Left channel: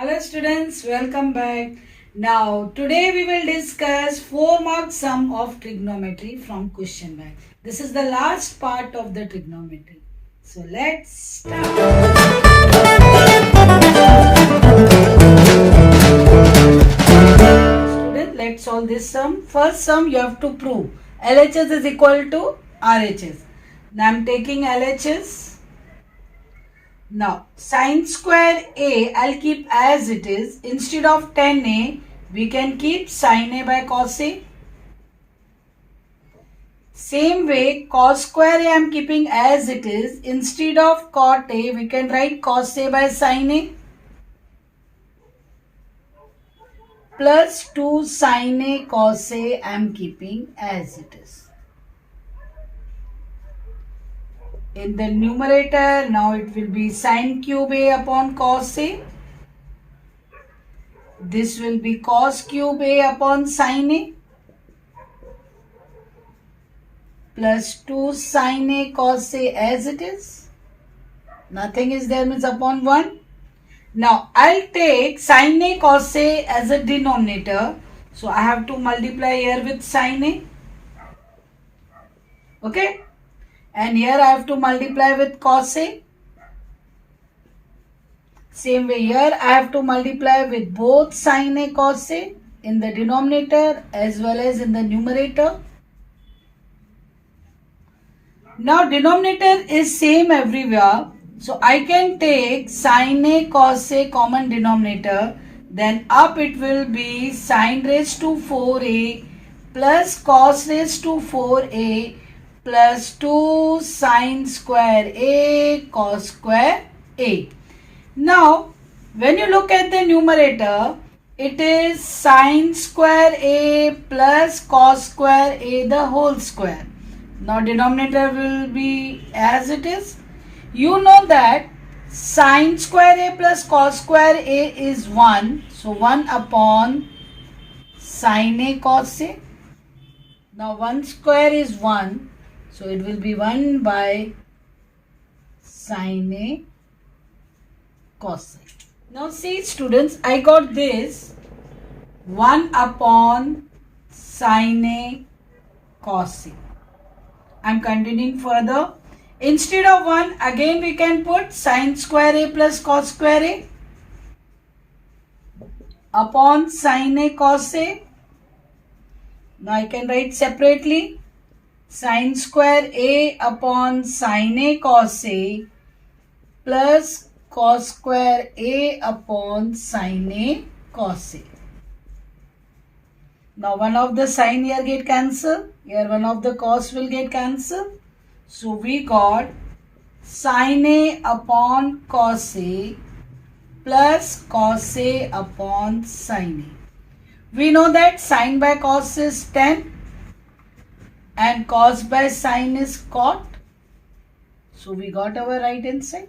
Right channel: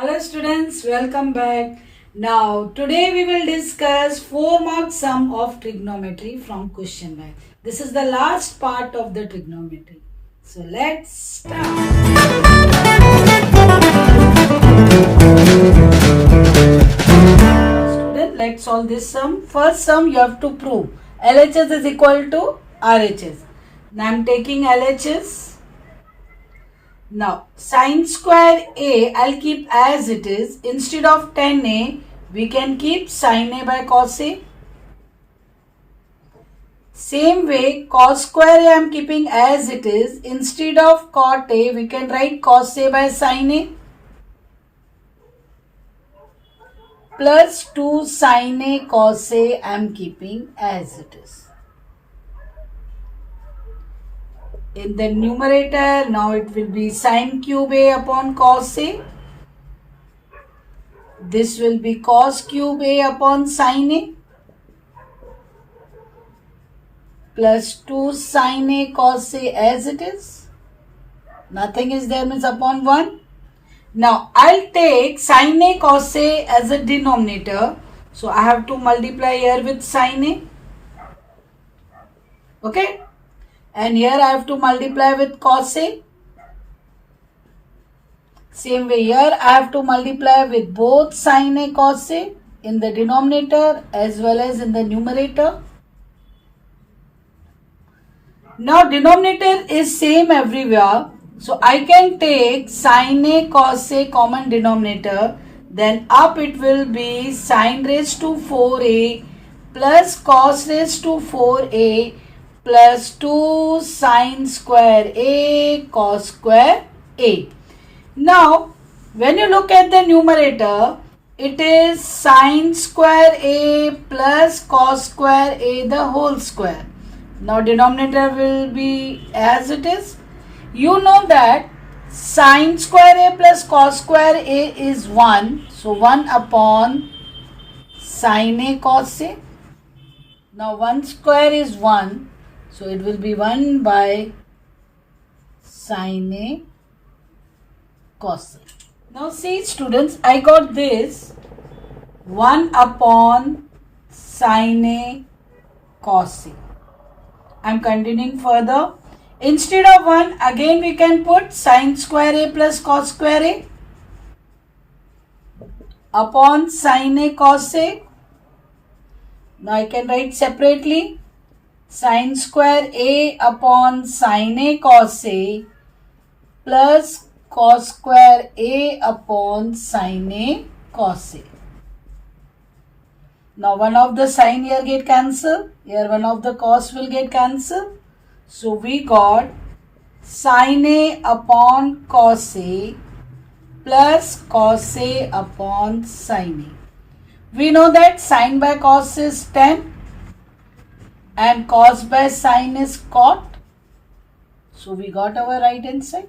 Hello students, welcome back. Now today we will discuss 4-mark sum of trigonometry from question bank. This is the last part of the trigonometry. So let's start. Student, let's solve this sum. First sum you have to prove LHS is equal to RHS. Now I am taking LHS. Now, sine square A, I'll keep as it is. Instead of 10A, we can keep sine A by cos A. Same way, cos square A, I'm keeping as it is. Instead of cot A, we can write cos A by sine A. Plus 2 sine A cos A, I'm keeping as it is. In the numerator, now it will be sine cube A upon cos A. This will be cos cube A upon sine A. Plus 2 sine A cos A as it is. Nothing is there, means upon 1. Now, I'll take sine A cos A as a denominator. So, I have to multiply here with sine A. Okay. And here I have to multiply with cos A. Same way here I have to multiply with both sin A cos A in the denominator as well as in the numerator. Now denominator is same everywhere. So I can take sin A cos A common denominator. Then up it will be sin raised to 4A plus cos raised to 4A plus 2 sine square A cos square A. Now, when you look at the numerator, it is sine square A plus cos square A the whole square. Now, denominator will be as it is. You know that sine square A plus cos square A is 1. So, 1 upon sine A cos A. Now, 1 square is 1. So, it will be 1 by sine A cos A. Now, see students, I got this 1 upon sine A cos A. I am continuing further. Instead of 1, again we can put sine square A plus cos square A upon sine A cos A. Now, I can write separately. Sine square A upon sine A cos A plus cos square A upon sine A cos A. Now, one of the sine here get cancelled. Here one of the cos will get cancelled. So, we got sine A upon cos A plus cos A upon sine A. We know that sine by cos is 10. And cos by sine is cot. So, we got our right hand side.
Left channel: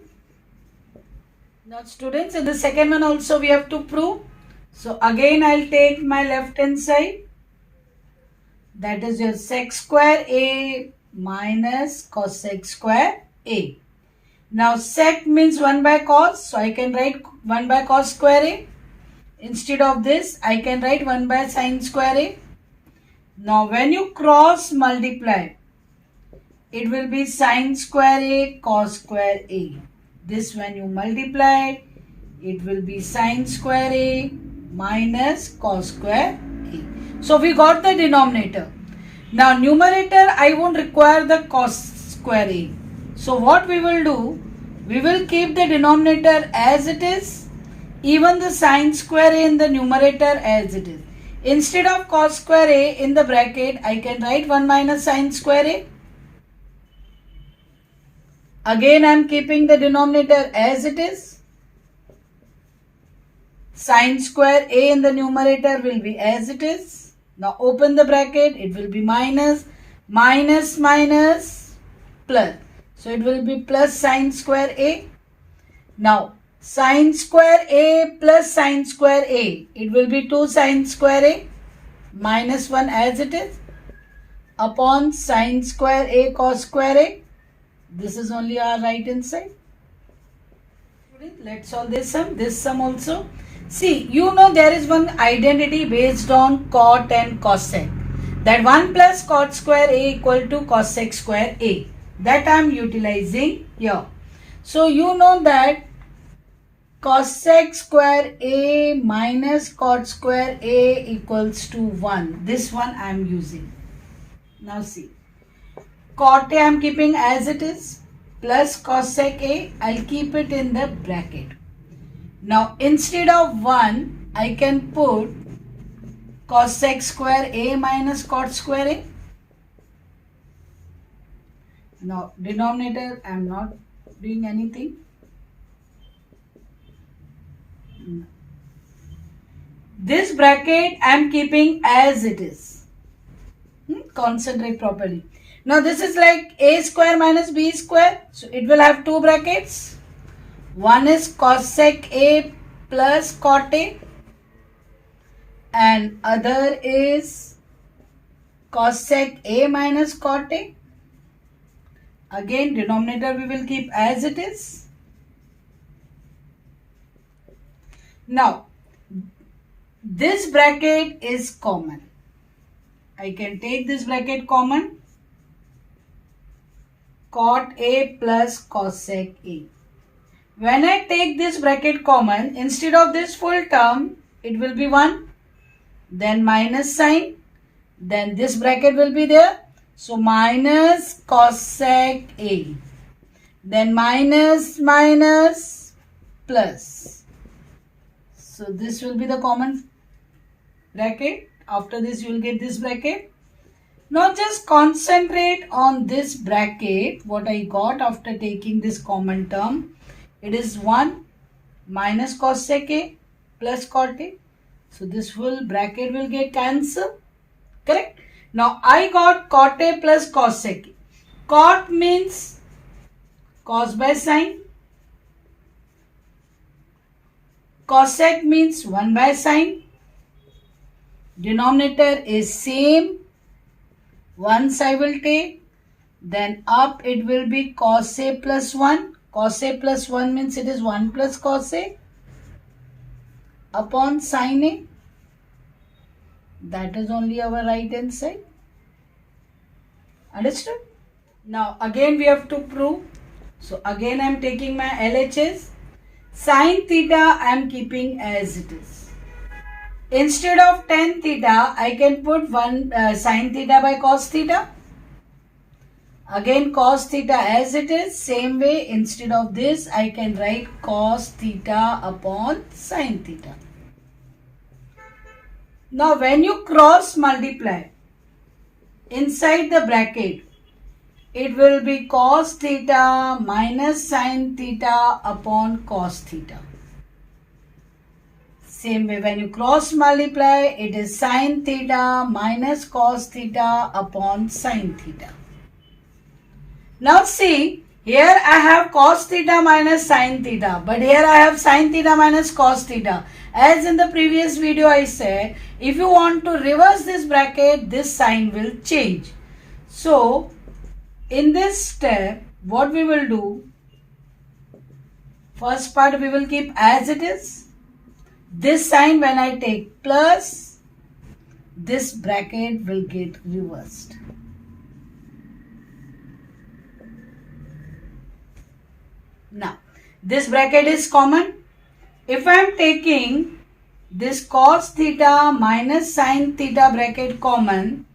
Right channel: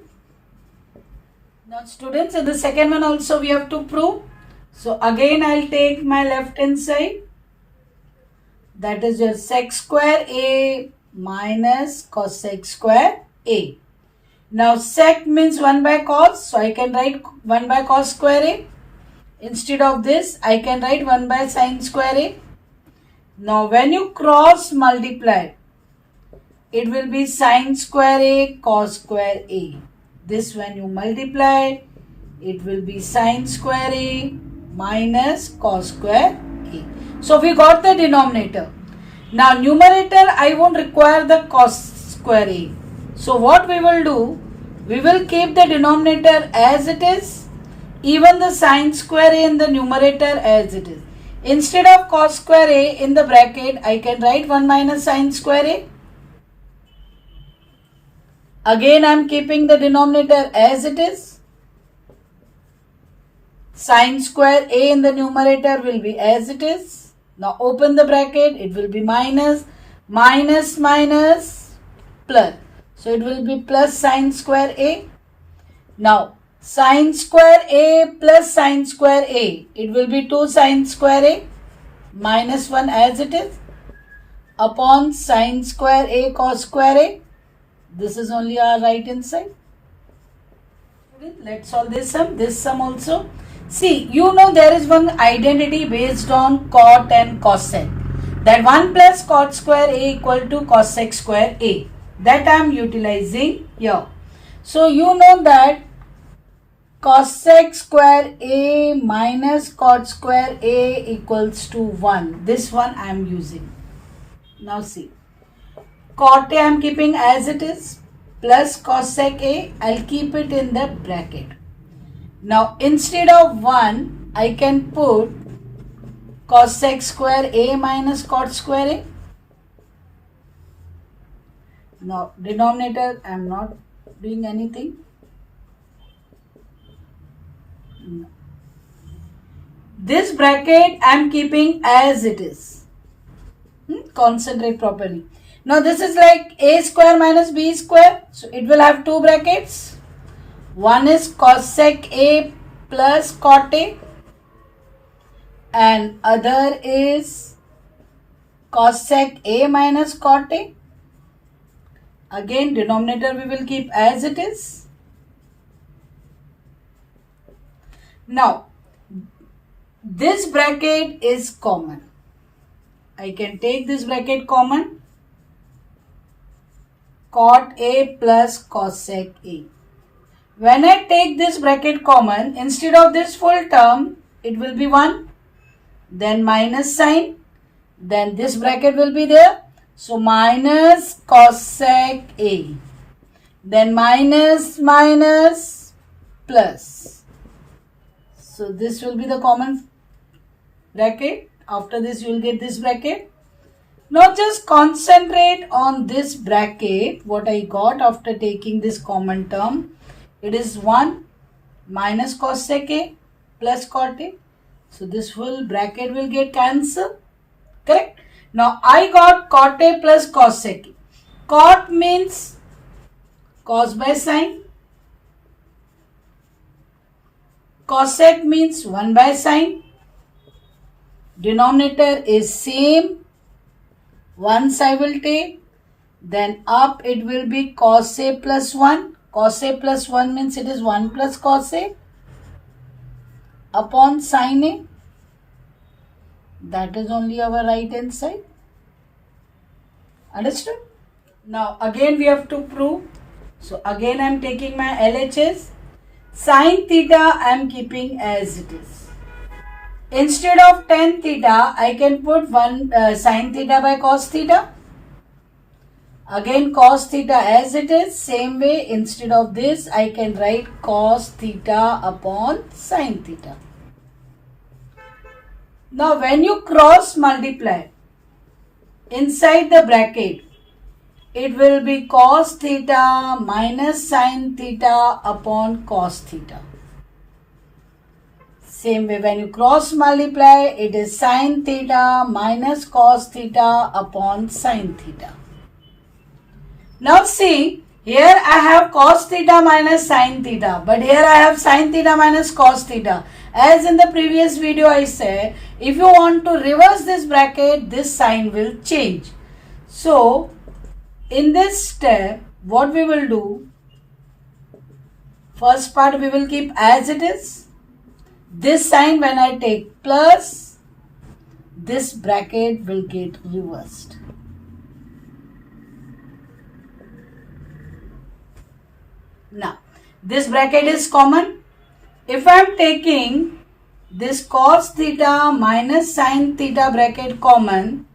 Now, students, in the second one also we have to prove. So, again I will take my left hand side. That is your sec square A minus cos sec square A. Now, sec means 1 by cos. So, I can write 1 by cos square A. Instead of this, I can write 1 by sine square A. Now, when you cross multiply, it will be sine square A cos square A. This when you multiply, it will be sine square A minus cos square A. So, we got the denominator. Now, numerator, I won't require the cos square A. So, what we will do, we will keep the denominator as it is, even the sine square A in the numerator as it is. Instead of cos square A in the bracket, I can write 1 minus sine square A. Again, I am keeping the denominator as it is. Sine square A in the numerator will be as it is. Now, open the bracket, it will be minus, minus, minus, plus. So, it will be plus sine square A. Now, sine square A plus sine square A. It will be 2 sine square A minus 1 as it is upon sine square A cos square A. This is only our right hand side. Let's solve this sum. This sum also. See, you know there is one identity based on cot and cosec. That 1 plus cot square A equal to cosec square A. That I am utilizing here. So, you know that cosec square A minus cot square A equals to 1. This one I am using. Now see. Cot A I am keeping as it is. Plus cosec A, I'll keep it in the bracket. Now instead of 1, I can put cosec square A minus cot square A. Now denominator, I am not doing anything. No. This bracket I am keeping as it is. Concentrate properly. Now this is like A square minus B square. So it will have two brackets. One is cosec A plus cot A. And other is cosec A minus cot A. Again denominator we will keep as it is. Now this bracket is common. I can take this bracket common. Cot A plus cosec A. When I take this bracket common, instead of this full term, it will be 1. Then minus sign. Then this bracket will be there. So minus cosec A. Then minus plus. So this will be the common bracket. After this you will get this bracket. Now just concentrate on this bracket, what I got after taking this common term. It is 1 minus cosec A plus cot A. So this full bracket will get cancelled. Correct? Now I got cot A plus cosec A. Cot means cos by sine. Cosec means 1 by sine. Denominator is same. Once I will take, then up it will be cos A plus 1. Cos A plus 1 means it is 1 plus cos A upon sin A. That is only our right hand side. Understood? Now again we have to prove. So again I am taking my LHS. Sin theta I am keeping as it is. Instead of tan theta, I can put sin theta by cos theta. Again cos theta as it is. Same way, instead of this, I can write cos theta upon sin theta. Now when you cross multiply inside the bracket, it will be cos theta minus sin theta upon cos theta. Same way, when you cross multiply, it is sin theta minus cos theta upon sin theta. Now see, here I have cos theta minus sin theta, but here I have sin theta minus cos theta. As in the previous video I said, if you want to reverse this bracket, this sign will change. So, in this step, what we will do, first part we will keep as it is. This sign when I take plus, this bracket will get reversed. Now, this bracket is common. If I am taking this cos theta minus sin theta bracket common,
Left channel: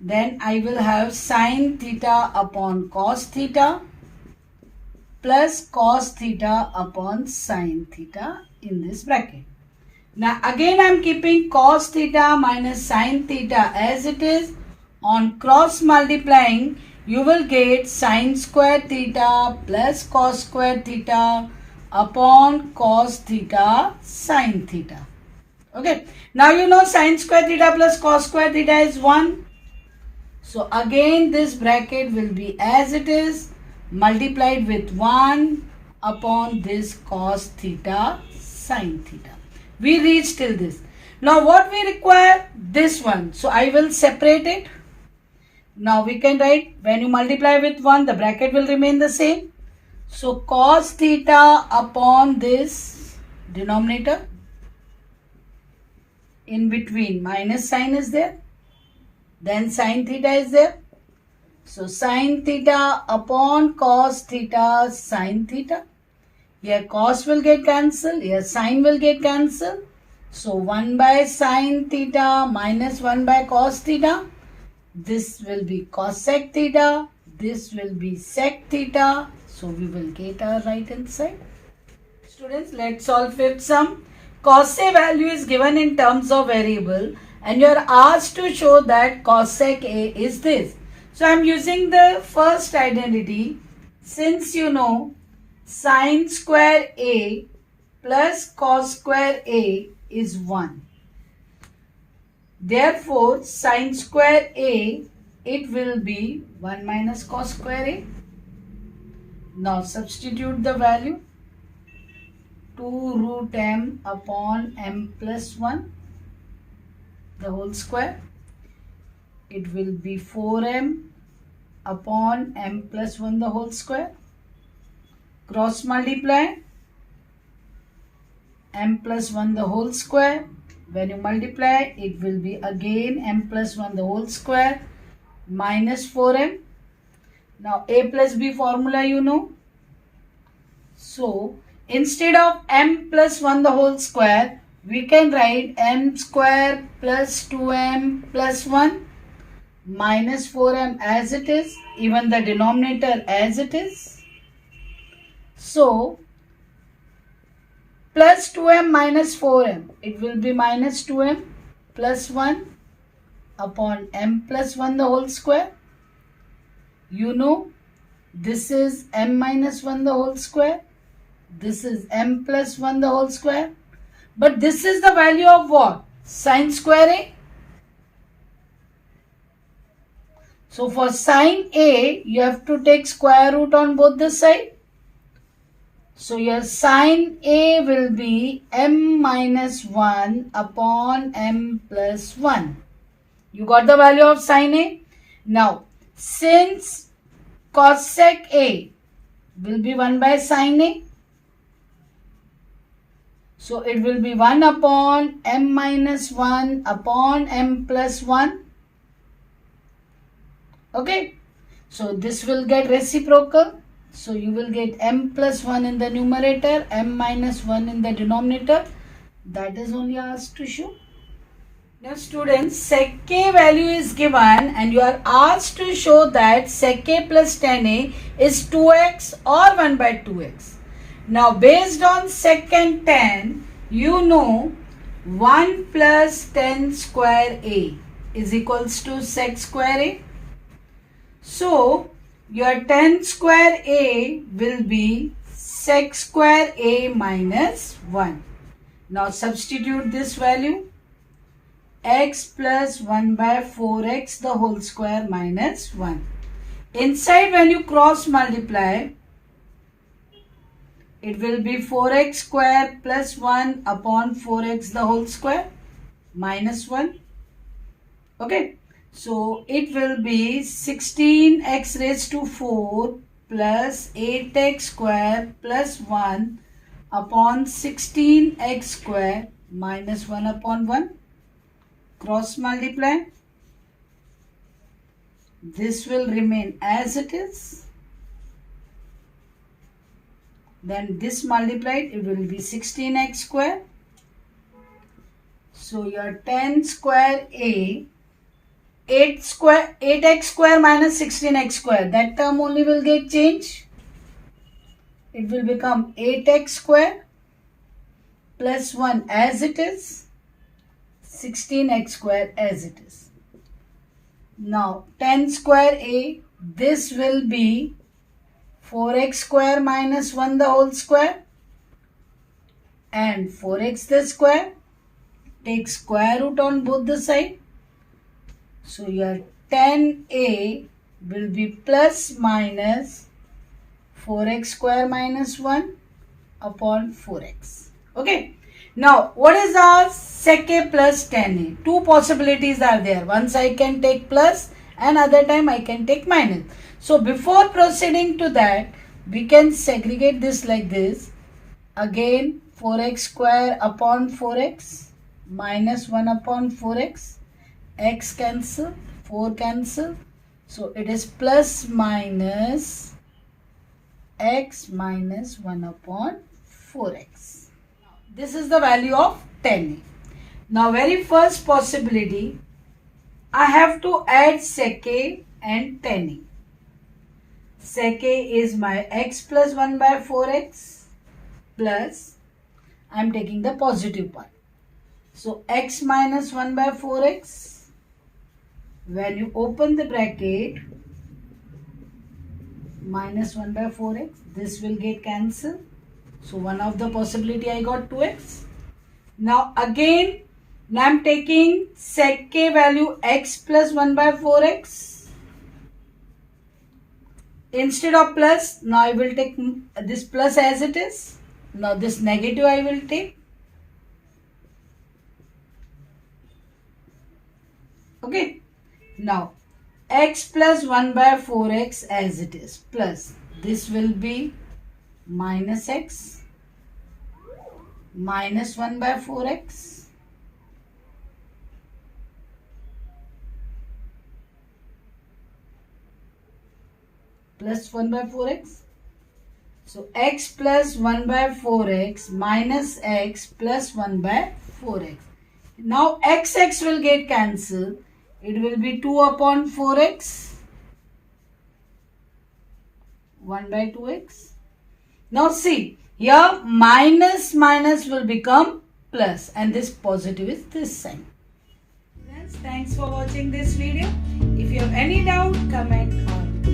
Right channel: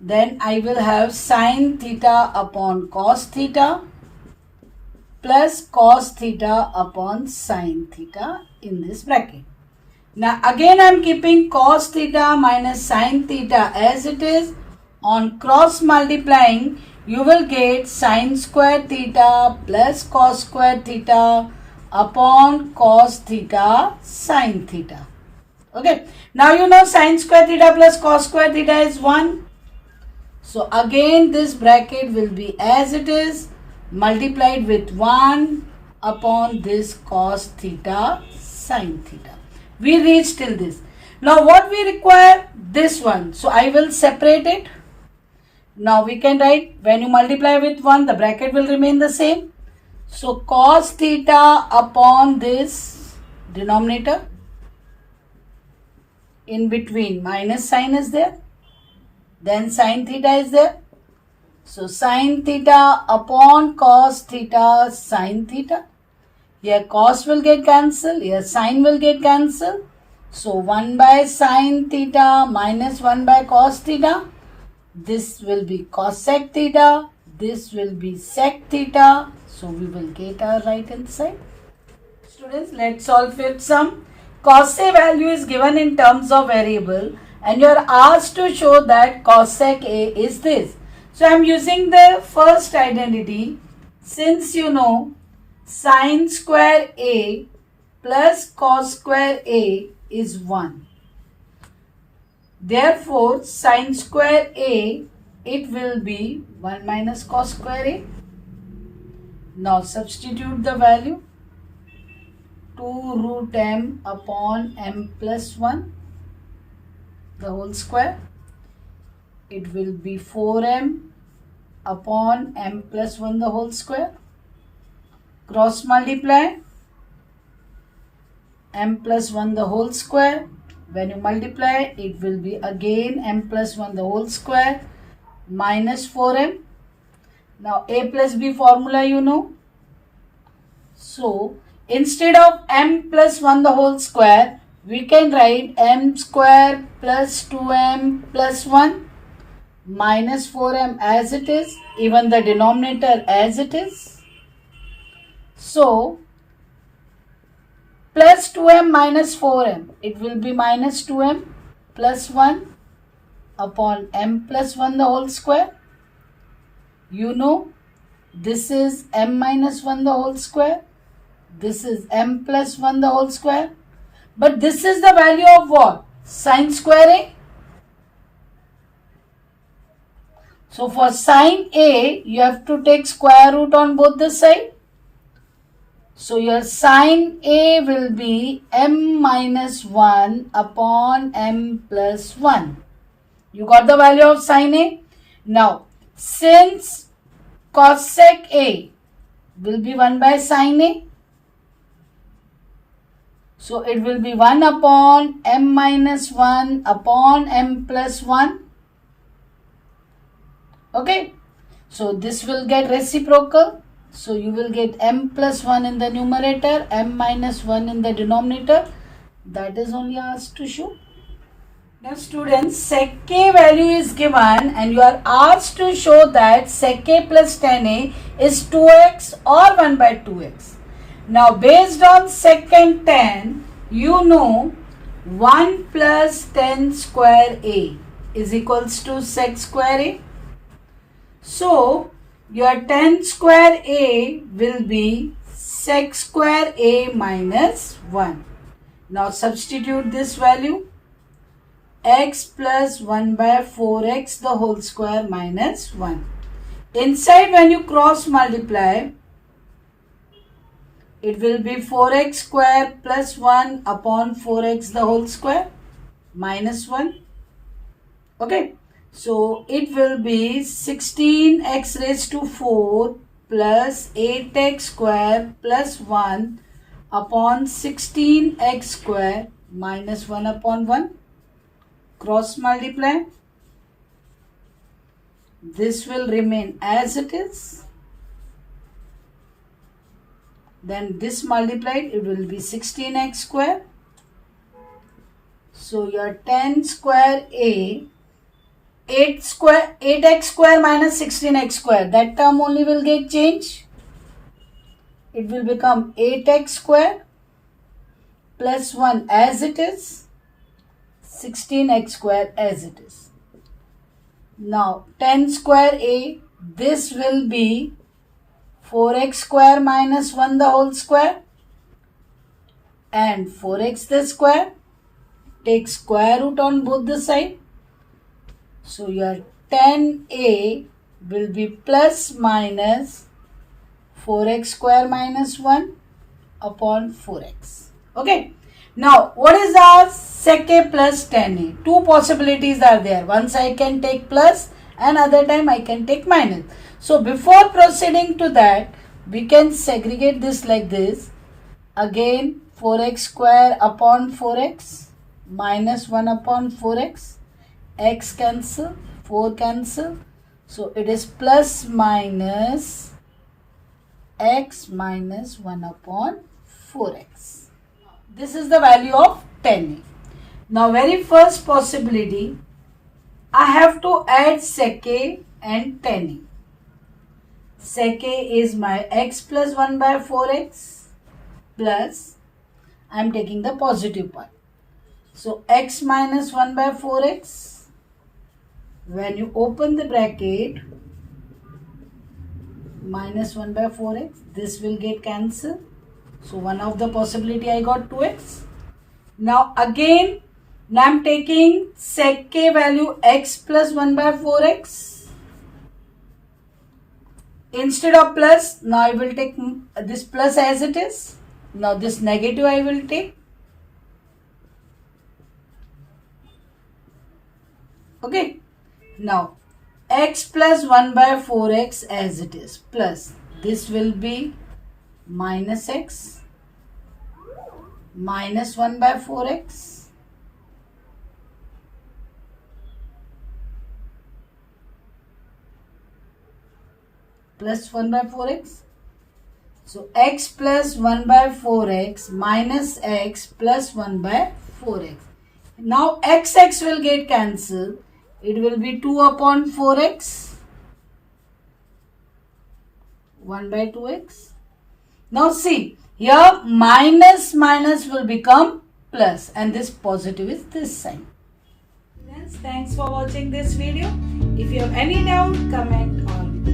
then I will have sin theta upon cos theta plus cos theta upon sin theta in this bracket. Now again I am keeping cos theta minus sin theta as it is. On cross multiplying, you will get sin square theta plus cos square theta upon cos theta sin theta. Okay. Now you know sin square theta plus cos square theta is 1. So again this bracket will be as it is, multiplied with 1 upon this cos theta sin theta. We reach till this. Now what we require? This one. So I will separate it. Now we can write, when you multiply with 1, the bracket will remain the same. So cos theta upon this denominator in between minus sign is there. Then sin theta is there. So sin theta upon cos theta sin theta. Here cos will get cancelled. Here sin will get cancelled. So 1 by sin theta minus 1 by cos theta. This will be cosec theta. This will be sec theta. So we will get our right hand side. Students, let's solve fifth sum. Cos A value is given in terms of variable and you are asked to show that cosec A is this. So I am using the first identity. Since you know sin square A plus cos square A is 1. Therefore, sin square A, it will be 1 minus cos square A. Now substitute the value. 2 root m upon m plus 1, the whole square. It will be 4m upon m plus 1, the whole square. Cross multiply m plus 1 the whole square. When you multiply, it will be again m plus 1 the whole square minus 4m. Now a plus b formula you know. So instead of m plus 1 the whole square, we can write m square plus 2m plus 1 minus 4m as it is, even the denominator as it is. So plus 2m minus 4m, it will be minus 2m plus 1 upon m plus 1 the whole square. You know this is m minus 1 the whole square. This is m plus 1 the whole square. But this is the value of what? Sin square A. So for sin A, you have to take square root on both the sides. So your sin A will be m minus 1 upon m plus 1. You got the value of sin A? Now, since cosec A will be 1 by sin A, so it will be 1 upon m minus 1 upon m plus 1. Okay. So this will get reciprocal. So you will get m plus 1 in the numerator, m minus 1 in the denominator. That is only asked to show. Now students, sec A value is given and you are asked to show that sec A plus tan A is 2x or 1 by 2x. Now based on sec and tan, you know 1 plus tan square A is equals to sec square A. So your tan square A will be sec square A minus 1. Now substitute this value. X plus 1 by 4x the whole square minus 1. Inside when you cross multiply, it will be 4x square plus 1 upon 4x the whole square minus 1. Okay. So it will be 16x raised to 4 plus 8x square plus 1 upon 16x square minus 1 upon 1. Cross multiply. This will remain as it is. Then this multiplied, it will be 16x square. So your tan square A, 8x square minus 16x square, that term only will get changed. It will become 8x square plus 1 as it is, 16x square as it is. Now tan square A, this will be 4x square minus 1 the whole square and 4x the square. Take square root on both the sides. So your tan A will be plus minus 4x square minus 1 upon 4x. Okay. Now what is our sec A plus tan A? Two possibilities are there. Once I can take plus and other time I can take minus. So before proceeding to that, we can segregate this like this. Again 4x square upon 4x. minus 1 upon 4x, x cancel, 4 cancel, so it is plus minus x minus 1 upon 4x. This is the value of 10a. Now very first possibility, I have to add sec a and tan a. Sec a is my x plus 1 by 4x plus, I am taking the positive part. So x minus 1 by 4x, when you open the bracket, minus 1 by 4x, this will get cancelled. So one of the possibility I got 2x. Now again, now I am taking sec k value x plus 1 by 4x. Instead of plus, now I will take this plus as it is. Now this negative I will take. Okay. Now x plus 1 by 4x as it is plus this will be minus x minus 1 by 4x plus 1 by 4x. So x plus 1 by 4x minus x plus 1 by 4x. Now x will get cancelled. It will be 2 upon 4x, 1 by 2x. Now see, here minus will become plus and this positive is this sign. Friends, thanks for watching this video. If you have any doubt, comment on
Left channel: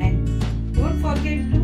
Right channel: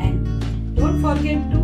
and don't forget to